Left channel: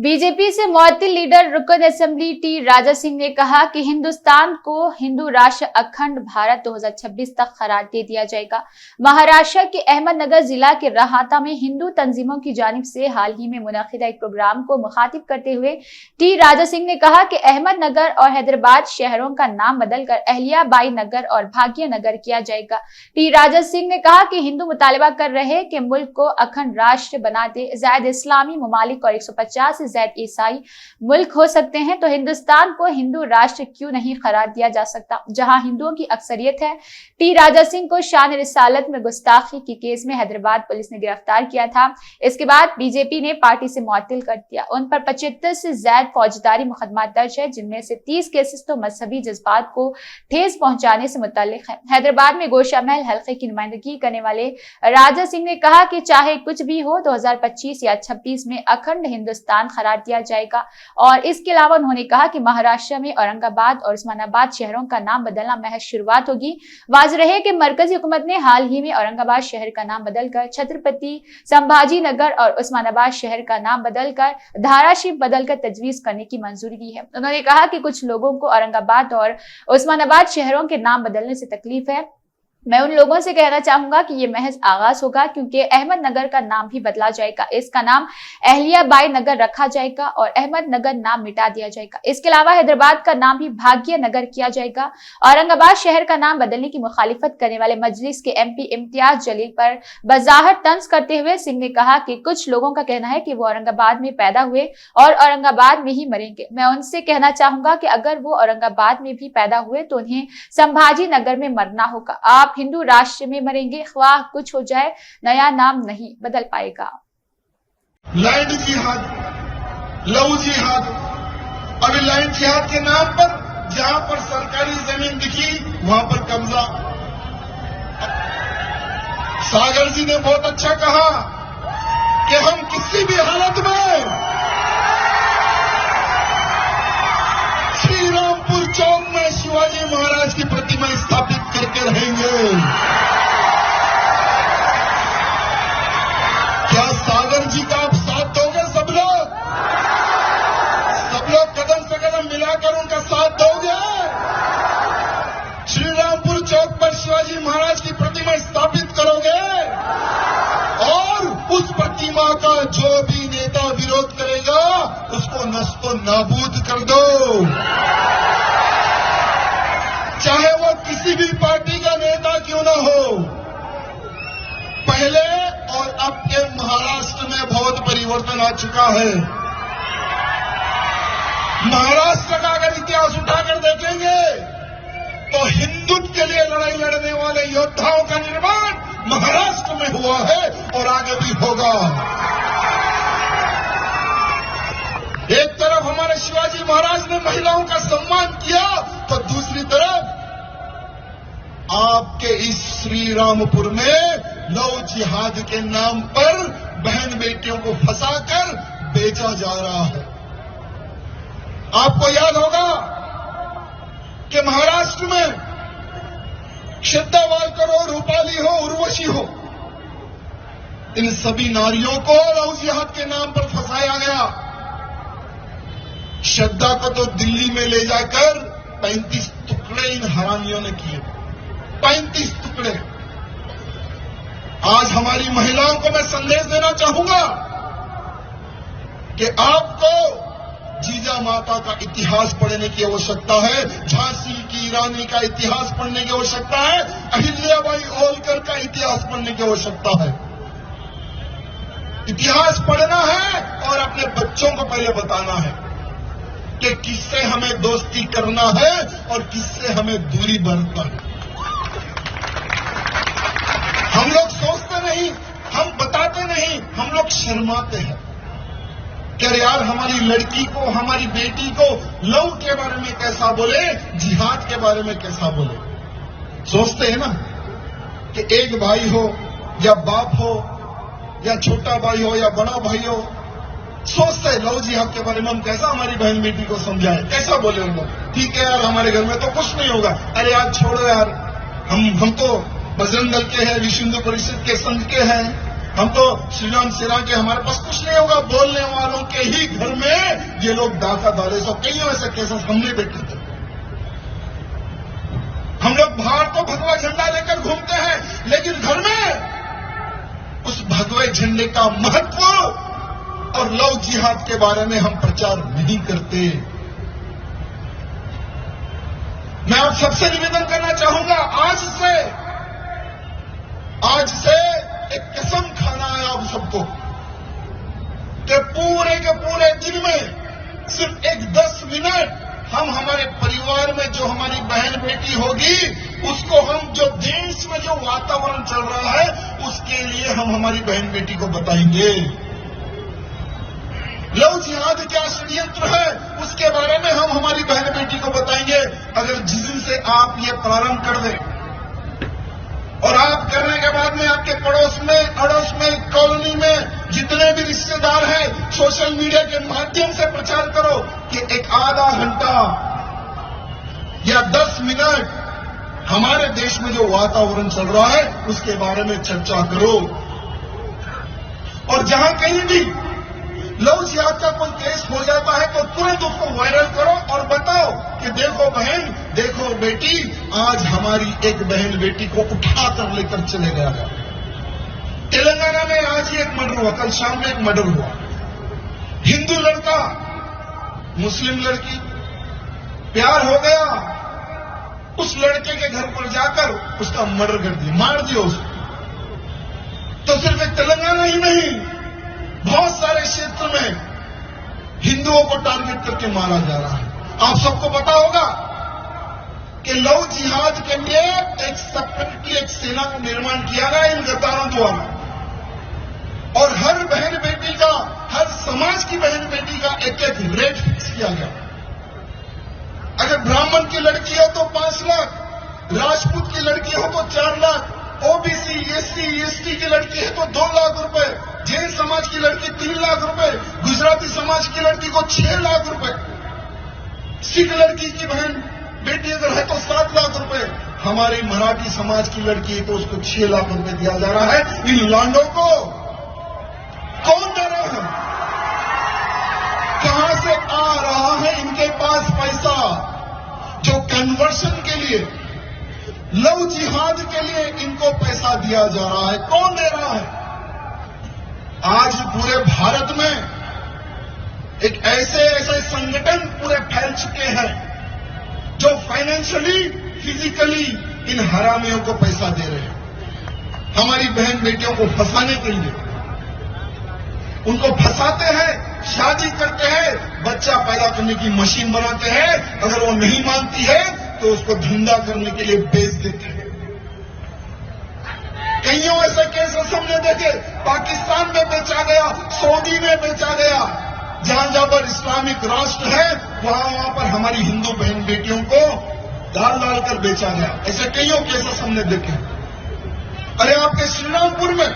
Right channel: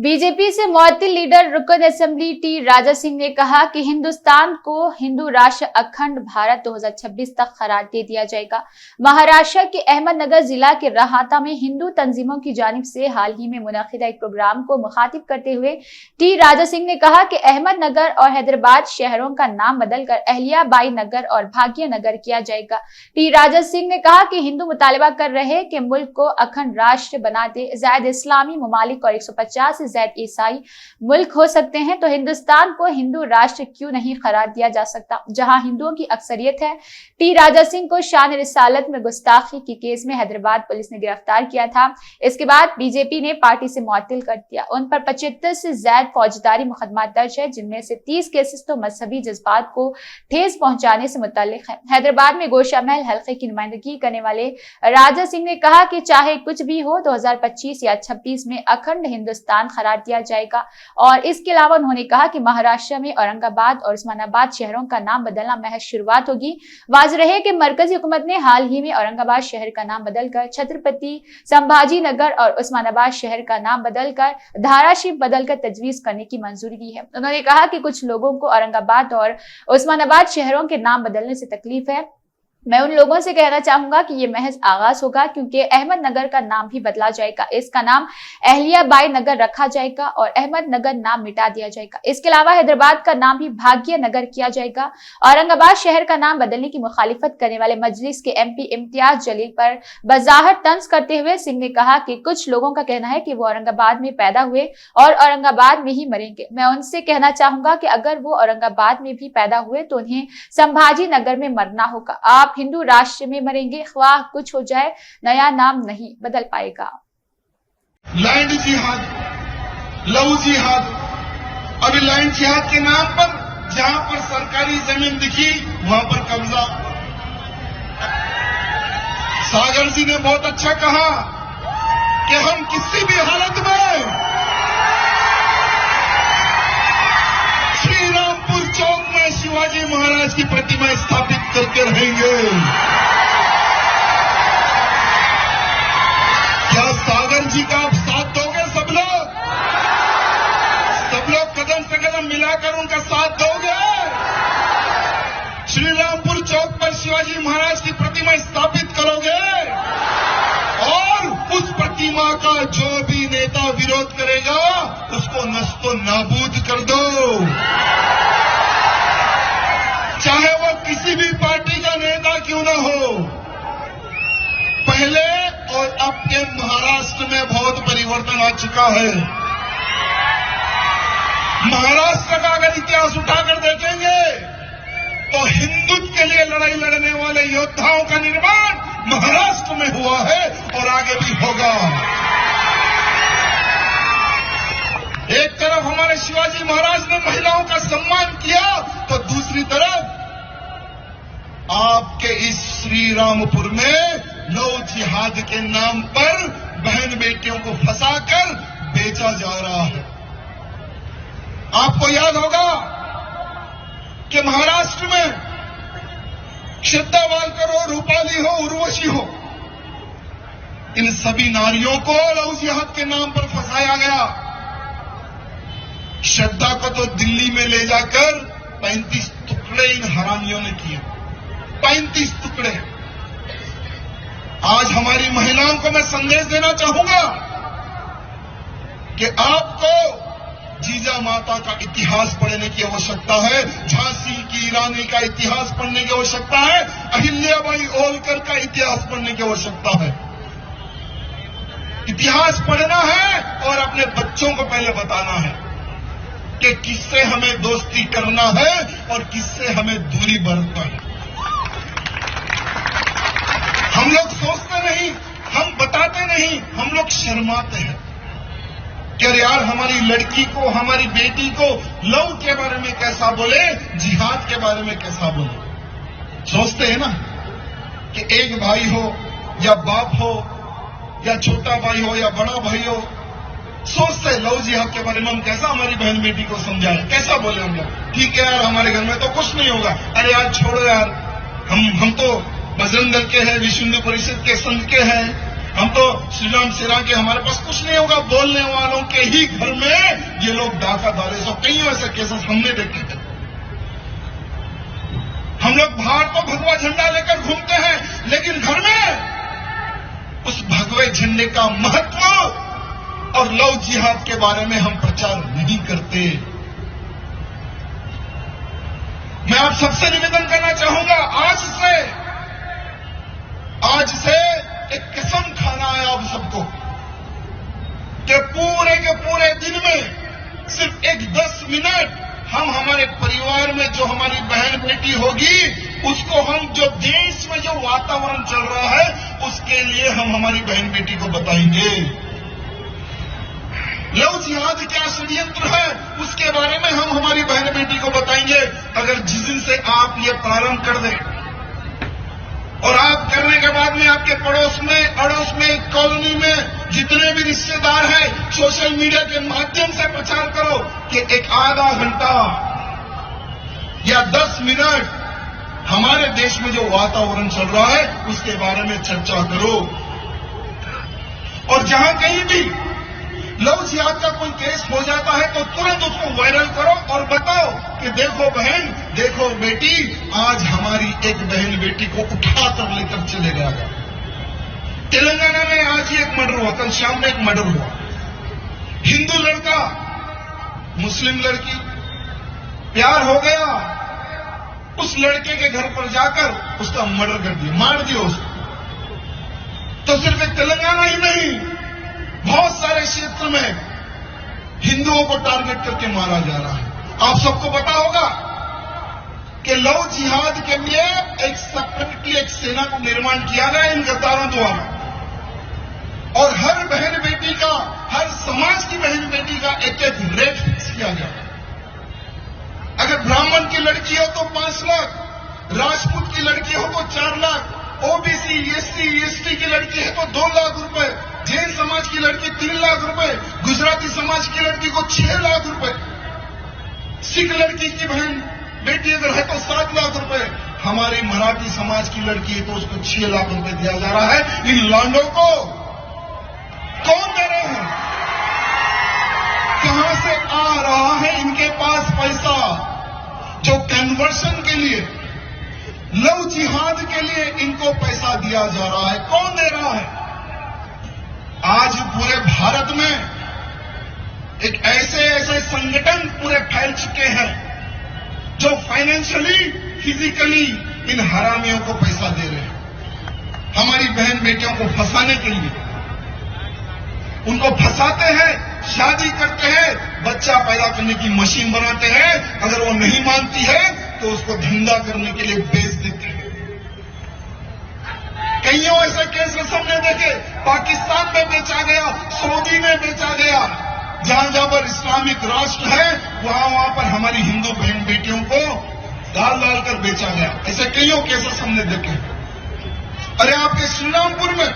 BJP से मुअत्तिल leader रुकन assembly T Raja Singh ने कहा कि हिंदुस्तान को हिंदू राष्ट्र अखंड भारत 2026 तक करार दे दिया जाएगा। महाराष्ट्र के अहमदनगर जिला के रहाता में हिंदू तंजीमों की जानिब से हाल ही में मुनक़िदा एक प्रोग्राम को मुखातिब करते हुए टी राजा सिंह ने कहा कि अहमदनगर और हैदराबाद शहरों का नाम बदलकर अहल्याबाई नगर और भाग्य नगर किया जाएगा। टी राजा सिंह ने कहा कि हिंदू मुतालबा कर रहे कि मुल्क को अखंड राष्ट्र बना दे। ज़ायद इस्लामी ममालिक और 150 से ज्यादा ईसाई मुल्क हो सकते हैं तो हिंदुस्तान को हिंदू राष्ट्र क्यों नहीं करार दिया जा सकता, जहां हिंदुओं की अक्सरियत है। टी राजा सिंह को शान रिसालत में गुस्ताखी के केस में हैदराबाद पुलिस ने गिरफ्तार किया था। इसके बाद बीजेपी ने पार्टी से मुअत्तिल कर दिया। उन पर 75 से ज्यादा फौजदारी मुकदमा दर्ज है, जिनमें से 30 केसेस तो मजहबी जज्बात को ठेस पहुंचाने से मुतल्लिक है। हैदराबाद में गोशा महल हल्के की नुमाइंदगी करने वाले राजा सिंह ने कहा कि चाहे कुछ भी हो 2025 या 26 में अखंड हिंदुस्तान करार दिया जाएगा। और इसके अलावा उन्होंने कहा कि महाराष्ट्र में औरंगाबाद और उस्मानाबाद शहरों का नाम बदलना महज शुरुआत होगी। वाज़ रहे कि मरकजी हुकूमत ने हाल ही में औरंगाबाद शहर का नाम बदलकर छत्रपति संभाजी नगर और उस्मानाबाद शहर का नाम बदलकर धाराशिव बदलकर तजवीज करने की मंजूरी दी है। उन्होंने कहा कि कुछ लोगों को औरंगाबाद और उस्मानाबाद शहरों के नाम बदलने से तकलीफ है। मैं उन लोगों से कहना चाहूंगा कि ये महज आगाज होगा, क्योंकि अहमदनगर का नाम भी बदला जाएगा। इसका नाम अहल्याबाई नगर रखा जाएगा और अहमदनगर नाम मिटा दिया जाएगा। इसके अलावा हैदराबाद का नाम भी भाग्य नगर किया जाएगा। औरंगाबाद शहर का नाम बदलने की मुखालिफत करने वाले मजलिस के एमपी इम्तियाज जलील पर बजाहर तंज करते हुए सिंह ने कहा कि कुछ लोगों का कहना है कि वो औरंगाबाद में पैदा हुए और औरंगाबाद में ही मरेंगे। मैं उनसे कहना चाहूंगा कि अगर वो औरंगाबाद में भी पैदा हुए तो उन्हें संभाजी नगर में मरना होगा। आप हिंदू राष्ट्र में मरेंगे, ख्वाह कुछ हो जाए, नया नाम नहीं बदल पाएगा। लैंड जिहाद, लव जिहाद, अभी लैंड जिहाद के नाम पर जहां पर सरकारी जमीन दिखी वहां पर कब्जा। सागर जी ने बहुत अच्छा कहा कि हम किसी भी हालत में श्रीरामपुर चौक में शिवाजी महाराज की प्रतिमा स्थापित करते रहेंगे। क्या सागर जी का आप साथ दोगे? सब लोग कदम से कदम मिलाकर उनका साथ दोगे। श्रीरामपुर चौक पर शिवाजी महाराज की प्रतिमा स्थापित करोगे और उस प्रतिमा का जो भी नेता विरोध करेगा उसको नस्तो नाबूद कर दो। चाहे वो किसी भी पार्टी का नेता क्यों न हो। पहले और अब के महाराष्ट्र में बहुत परिवर्तन आ चुका है। महाराष्ट्र का अगर इतिहास उठाकर देखेंगे तो हिंदुत्व के लिए लड़ाई लड़ने वाले योद्धाओं का निर्माण महाराष्ट्र में हुआ है और आगे भी होगा। एक तरफ हमारे शिवाजी महाराज ने महिलाओं का सम्मान किया तो दूसरी तरफ आपके इस श्रीरामपुर में लव जिहाद के नाम पर बहन बेटियों को फंसाकर बेचा जा रहा है। आपको याद होगा कि महाराष्ट्र में श्रद्धा वालकर हो, रूपाली हो, उर्वशी हो, इन सभी नारियों को लव जिहाद के नाम पर फंसाया गया। श्रद्धा को तो दिल्ली में ले जाकर 35 टुकड़े इन हरामियों ने किए। 35 टुकड़े। आज हमारी महिलाओं को मैं संदेश देना चाहूंगा कि आपको जीजा माता का इतिहास पढ़ने की आवश्यकता है, झांसी की रानी का इतिहास पढ़ने की आवश्यकता है, अहिल्याबाई होलकर का इतिहास पढ़ने की आवश्यकता है। इतिहास पढ़ना है और अपने बच्चों को पहले बताना है कि किससे हमें दोस्ती करना है और किससे हमें दूरी बरतना है। हम लोग सोचते नहीं, हम बताते नहीं, हम लोग शर्माते हैं कि यार हमारी लड़की को, हमारी बेटी को लव के बारे में कैसा बोले, जिहाद के बारे में कैसा बोले। सोचते हैं ना कि एक भाई हो या बाप हो या छोटा भाई हो या बड़ा भाई हो, सोचते लव जिहाद के बारे में हम कैसा हमारी बहन बेटी को समझाएं, कैसा बोलेंगे। ठीक है यार, हमारे घर में तो कुछ नहीं होगा। अरे यार छोड़ो यार, हम तो बजरंग दल के हैं, विश्व हिंदू परिषद के संघ के हैं, हम तो श्रीराम सिरा के हमारे पास कुछ नहीं होगा, बोलने वालों के ही घर में ये लोग डाका डाले। तो कई ऐसे केसेस हमने देखे थे। हम लोग बाहर तो भगवा झंडा लेकर घूमते हैं, लेकिन घर में उस भगवे झंडे का महत्व और लव जिहाद के बारे में हम प्रचार नहीं करते। मैं आप सबसे निवेदन करना चाहूंगा, आज से एक कसम खाना है आप सबको कि पूरे के पूरे दिन में सिर्फ एक 10 मिनट हम हमारे परिवार में जो हमारी बहन बेटी होगी उसको हम जो देश में जो वातावरण चल रहा है उसके लिए हम हमारी बहन बेटी को बताएंगे। लव जिहाद क्या षड्यंत्र है उसके बारे में हम हमारी बहन बेटी को बताएंगे। अगर जिस दिन से आप ये प्रारंभ कर दें और आप करने के बाद में आपके अड़ोस में कॉलोनी में जितने भी रिश्तेदार हैं सोशल मीडिया के माध्यम से प्रचार करो कि एक आधा घंटा या 10 मिनट हमारे देश में जो वातावरण चल रहा है उसके बारे में चर्चा करो। और जहां कहीं भी लव जिहाद का कोई केस हो जाता है तो तुरंत उसको वायरल करो और बताओ कि देखो बहन, देखो बेटी, आज हमारी एक बहन बेटी को उठाकर लेकर चले गया। तेलंगाना में आज ही एक मर्डर हुआ, कल शाम में एक मर्डर हुआ। हिंदू लड़का मुस्लिम लड़की, प्यार हो गया, उस लड़के के घर पर जाकर उसका मर्डर कर दिया, मार दिया उसको। तो सिर्फ तेलंगाना ही नहीं, बहुत सारे क्षेत्र में हिंदुओं को टारगेट करके मारा जा रहा है। आप सबको पता होगा कि लव जिहाद के लिए एक सेपरेटली एक सेना का निर्माण किया गया इन गद्दारों द्वारा, और हर बहन बेटी का, हर समाज की बहन बेटी का एक एक रेट फिक्स किया गया। अगर ब्राह्मण की लड़की हो तो 5 लाख, राजपूत की लड़की हो तो 4 लाख, ओबीसी एसटी की लड़की है तो 2 लाख रुपए, जैन समाज की लड़की 3 लाख रुपए, गुजराती समाज की लड़की को 6 लाख रुपए, सिख लड़की की बहन बेटी अगर है तो 7 लाख रुपए, हमारी मराठी समाज की लड़की है तो उसको 6 लाख रुपए दिया जा रहा है। इन लांडों को कौन दे रहा है? कहां से आ रहा है इनके पास पैसा जो कन्वर्शन के लिए, लव जिहाद के लिए इनको पैसा दिया जा रहा है? कौन दे रहा है? आज पूरे भारत में एक ऐसे संगठन पूरे फैल चुके हैं जो फाइनेंशियली, फिजिकली इन हरामियों को पैसा दे रहे हैं हमारी बहन बेटियों को फंसाने के लिए। उनको फंसाते हैं, शादी करते हैं, बच्चा पैदा करने की मशीन बनाते हैं, अगर वो नहीं मानती है तो उसको धंधा करने के लिए बेच देते हैं। कईयों ऐसे केसेस हमने देखे, पाकिस्तान में बेचा गया, सऊदी में बेचा गया, जहां पर इस्लामिक राष्ट्र है वहां पर हमारी हिंदू बहन बेटियों को डाल कर बेचा गया। ऐसे कईयों केसेस हमने देखे। अरे आपके श्रीरामपुर में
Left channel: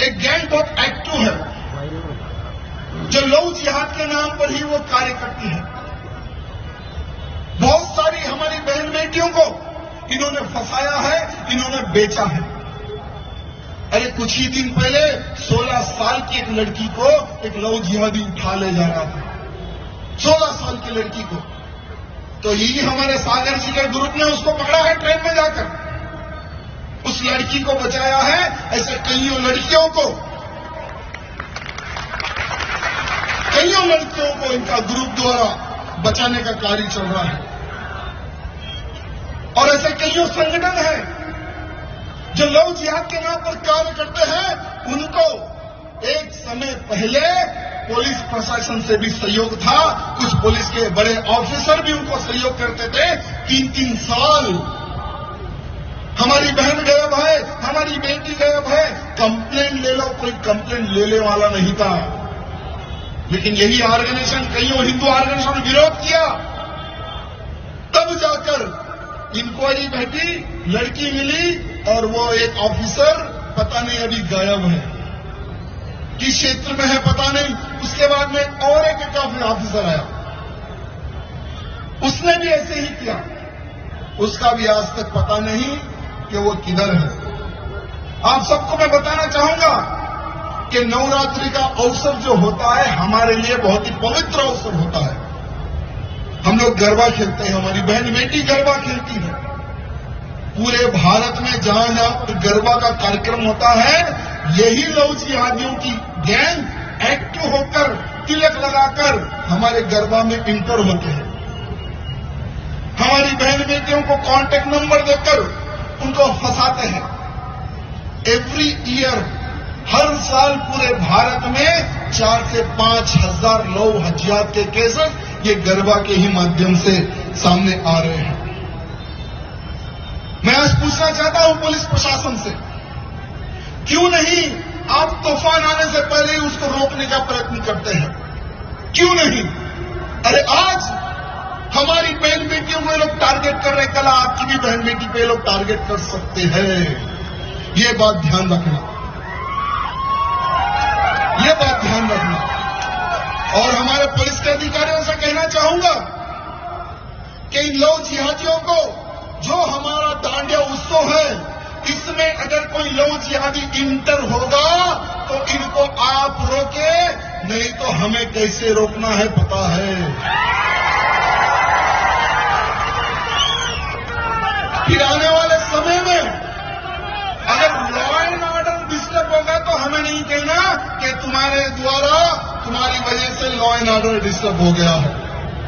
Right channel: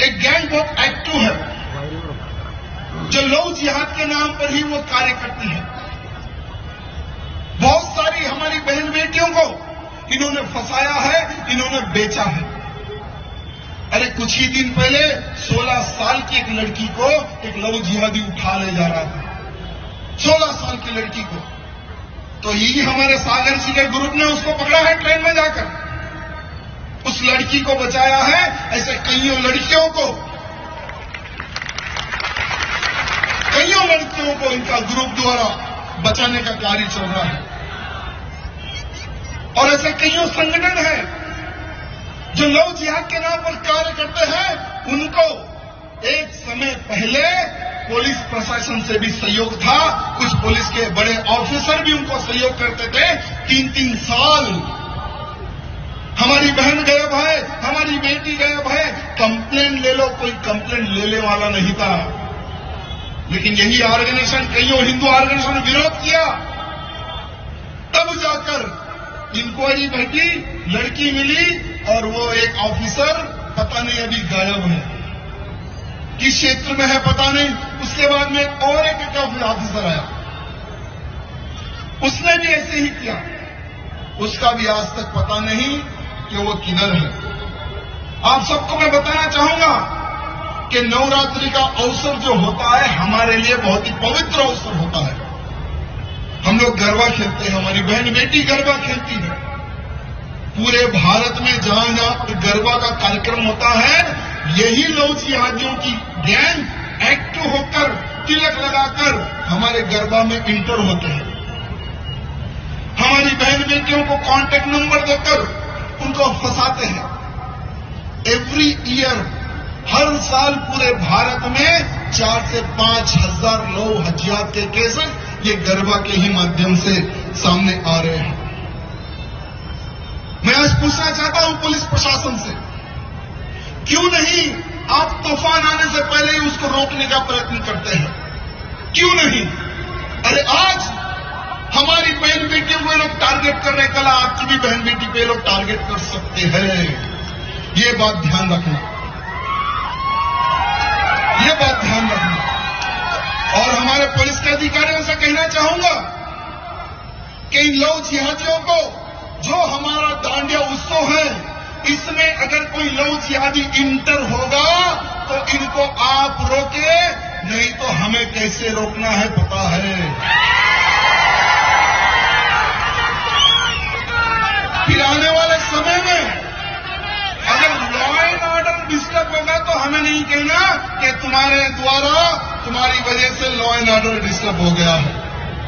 एक गैंग ऑफ एक्टिव है जो लव जिहाद के नाम पर ही वो कार्य करती है। बहुत सारी हमारी बहन बेटियों को इन्होंने फंसाया है, इन्होंने बेचा है। अरे कुछ ही दिन पहले 16 साल की एक लड़की को एक लव जिहादी उठा ले जा रहा था, 16 साल की लड़की को। तो यही हमारे सागर जी के ग्रुप ने उसको पकड़ा है ट्रेन में जाकर, उस लड़की को बचाया है। ऐसे कई लड़कियों को इनका ग्रुप द्वारा बचाने का कार्य चल रहा है। और ऐसे कई संगठन हैं जो लव जिहाद के नाम पर कार्य करते हैं। उनको एक समय पहले पुलिस प्रशासन से भी सहयोग था, कुछ पुलिस के बड़े ऑफिसर भी उनको सहयोग करते थे। 3-3 साल हमारी बहन गायब है, हमारी बेटी गायब है, कंप्लेन ले लो, कोई कंप्लेन लेने वाला नहीं था। लेकिन यही ऑर्गेनाइजेशन, कईयों हिंदू ऑर्गेनाइजेशन विरोध किया, तब जाकर इंक्वायरी बैठी, लड़की मिली और वो एक ऑफिसर पता नहीं अभी गायब है, किस क्षेत्र में है पता नहीं। उसके बाद में और एक ऑफिसर आया, उसने भी ऐसे ही किया, उसका भी आज तक पता नहीं कि वो किधर है। आप सबको मैं बताना चाहूंगा कि नवरात्रि का अवसर जो होता है हमारे लिए बहुत ही पवित्र अवसर होता है। हम लोग गरबा खेलते हैं, हमारी बहन बेटी गरबा खेलती है। पूरे भारत में जहां जहां गरबा का कार्यक्रम होता है, यही लव जिहादियों की गैंग एक्टिव होकर तिलक लगाकर हमारे गरबा में इंटर होते हैं। हमारी बहन बेटियों को कांटेक्ट नंबर देकर उनको फंसाते हैं। एवरी ईयर, हर साल पूरे भारत में 4 से 5 हजार 9 हजार के केसेस ये गरबा के ही माध्यम से सामने आ रहे हैं। मैं आज पूछना चाहता हूं पुलिस प्रशासन से, क्यों नहीं आप तूफान आने से पहले ही उसको रोकने का प्रयत्न करते हैं? क्यों नहीं? अरे आज हमारी बहन बेटियों को लोग टारगेट कर रहे, कल आपकी भी बहन बेटी को लोग टारगेट कर सकते हैं। ये बात ध्यान रखना, ये बात ध्यान रखना। और हमारे पुलिस के अधिकारियों से कहना चाहूंगा कि इन लव जिहादियों को, जो हमारा दांडिया उत्सव है, इसमें अगर कोई लव जिहादी इंटर होगा तो इनको आप रोके, नहीं तो हमें कैसे रोकना है पता है। फिर आने वाले समय में अगर लॉ एंड ऑर्डर डिस्टर्ब होगा तो हमें नहीं कहना कि तुम्हारे द्वारा, तुम्हारी वजह से लॉ एंड ऑर्डर डिस्टर्ब हो गया है।